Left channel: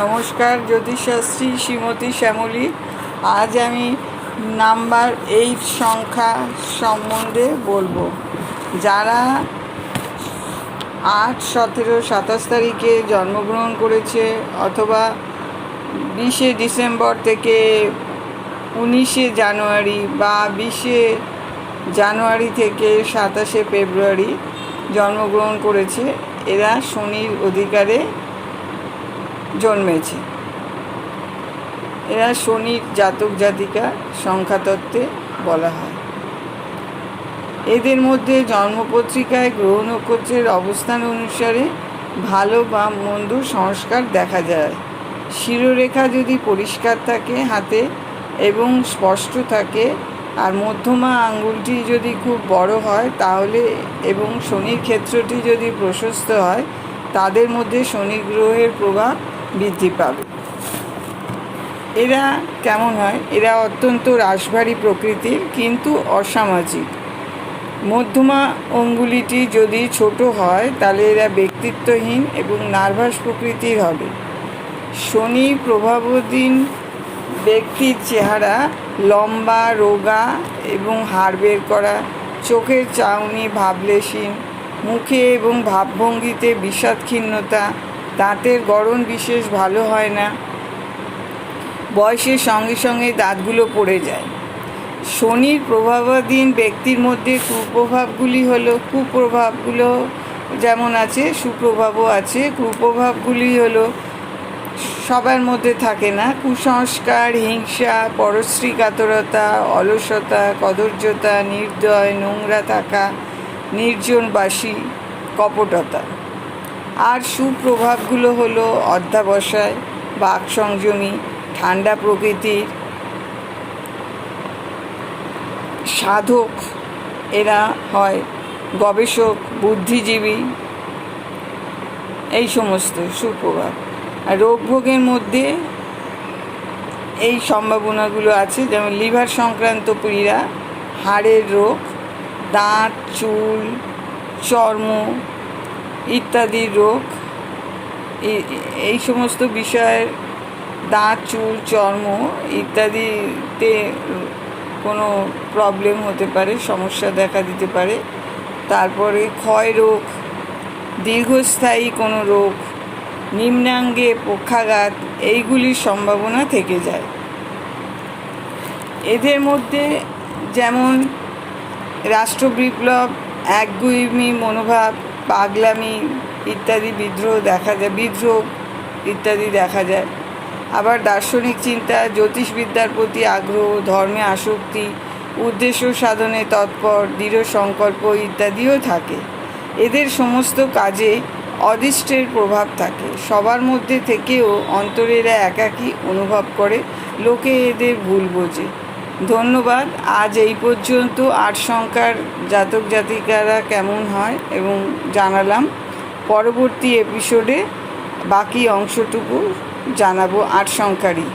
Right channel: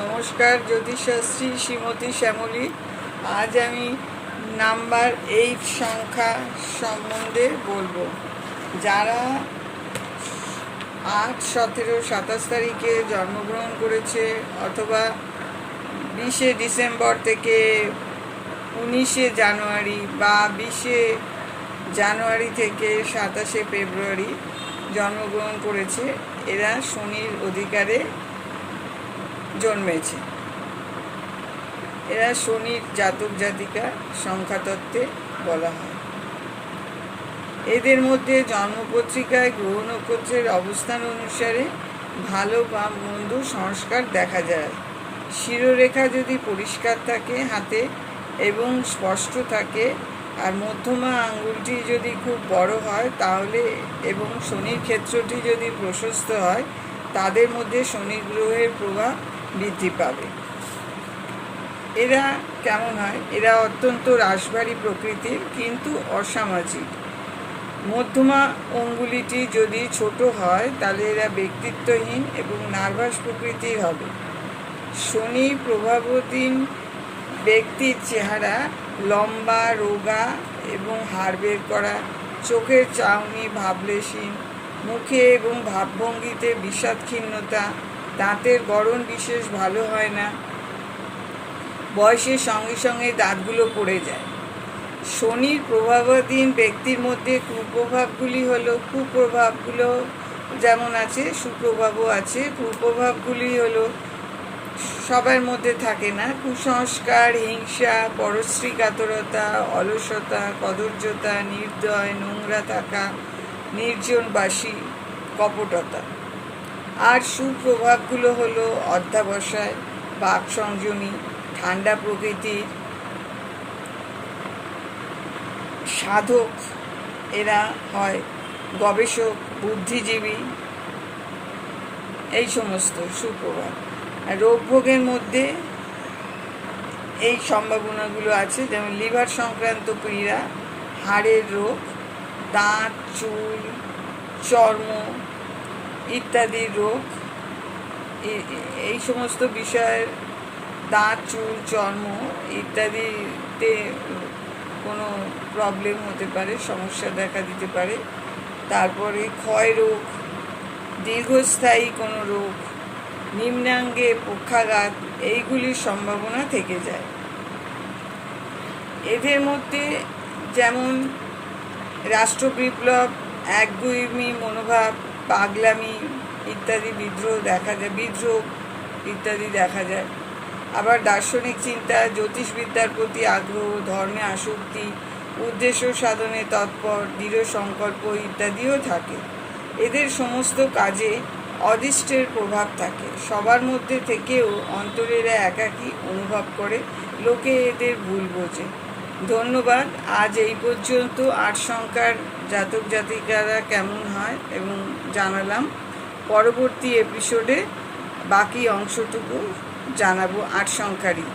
নমস্কার, জ্যোতিষশাস্ত্রী শ্রীমতী শ্যামলী। আজ আমি নাম্বার 8 সংখ্যা সম্বন্ধে বলবো। যারা 8, 17, 27 তারিখে জন্মগ্রহণ করেছে অথবা 20শে ডিসেম্বর থেকে 19শে জানুয়ারি বা 20শে জানুয়ারি থেকে 27শে ফেব্রুয়ারি জন্মগ্রহণ করেছে, এরা শনির অধিকারে জন্মেছে। এরা শনির জাতক জাতিকা সংখ্যাতত্ত্বে বলা হয়। এদের মধ্যে জন্মপত্রিকায় গ্রহ নক্ষত্রের অবস্থান অনুসারে ভালো বা মন্দ সংস্কার দেখা যায়। শিরোরেখা যদি পরিষ্কার থাকে হাতে এবং স্পষ্ট থাকে, আর মধ্যমা আঙ্গুলটি যদি খুব বড় হয় তাহলে এবং শনির ক্ষেত্রটি যদি প্রশস্ত হয়, তাদের মধ্যে শনি গ্রহের প্রভাব বৃদ্ধি পাবে। এরা কেমন হয়? এরা অত্যন্ত রাশভারী প্রকৃতির, কিন্তু অসামাজিক। মধ্যমা অঙ্গুলিটি যদি ছোট হয় তাহলে এরা ব্যক্তিত্বহীন এবং নার্ভাস প্রকৃতির হবে। শনি প্রভাবাধীন ব্যক্তির চেহারা লম্বা, রোগা এবং হাড় বের করা, চোখের চাউনি ভাবলেশহীন, মুখে এবং ভাবভঙ্গিতে বিষাদক্ষীণতা, দাঁতের গড়ন বিশেষ ভালো হয় না, বয়সের সঙ্গে সঙ্গে দাঁতগুলো পড়ে যায়। শনির প্রভাবাধীন ব্যক্তির মধ্যে কুপ্রভাবগুলো যেমন আছে, সুপ্রভাবও আছে। কুপ্রভাবগুলি হলো সবার মধ্যে থাকে না: কুসংস্কার, হিংসা, পরশ্রী কাতরতা, অলসতা, কদর্যতা, নির্দয়, নোংরা থাকা, নির্জনবাসী, কপটতা। আর সুপ্রভাবগুলো হলো অধ্যবসায়, বাক সংযমী, ঠান্ডা প্রকৃতির, সাধক এরা হয়, গবেষক, বুদ্ধিজীবী, এই সমস্ত সুপ্রভাব। আর রোগভোগের মধ্যে এই সম্ভাবনাগুলো আছে, যেমন লিভার সংক্রান্ত পীড়া, হাড়ের রোগ, দাঁত, চুল, চর্ম ইত্যাদি রোগ। এই সমস্ত বিষয়ের দাঁত, চুল, চর্ম ইত্যাদিতে কোনো প্রবলেম হতে পারে, সমস্যা দেখা দিতে পারে। তারপরে ক্ষয় রোগ, দীর্ঘস্থায়ী কোনো রোগ, নিম্নাঙ্গে পক্ষাঘাত, এইগুলির সম্ভাবনা থেকে যায়। এদের মধ্যে যেমন রাষ্ট্রবিপ্লব, একগুঁয়েমি মনোভাব, পাগলামি ইত্যাদি বিদ্রোহ ইত্যাদি দেখা যায়। আবার দার্শনিক চিন্তা, জ্যোতিষবিদ্যার প্রতি আগ্রহ, ধর্মে আসক্তি, উদ্দেশ্য সাধনে তৎপর, দৃঢ় সংকল্প ইত্যাদিও থাকে। এদের সমস্ত কাজে অদৃষ্টের প্রভাব থাকে। সবার মধ্যে থেকেও অন্তরে এরা একাকী অনুভব করে, লোকে এদের ভুল বোঝে। ধন্যবাদ। আজ এই পর্যন্ত 8 সংখ্যার জাতক জাতিকারা কেমন হয় এবং জানালাম। পরবর্তী এপিসোডে বাকি অংশটুকু জানাবো 8 সংখ্যারই।